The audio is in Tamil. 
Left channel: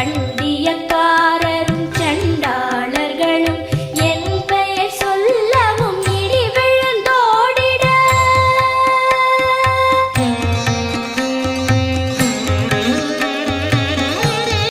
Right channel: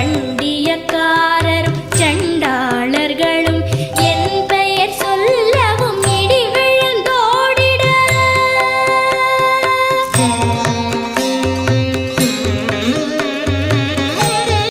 கண்டிய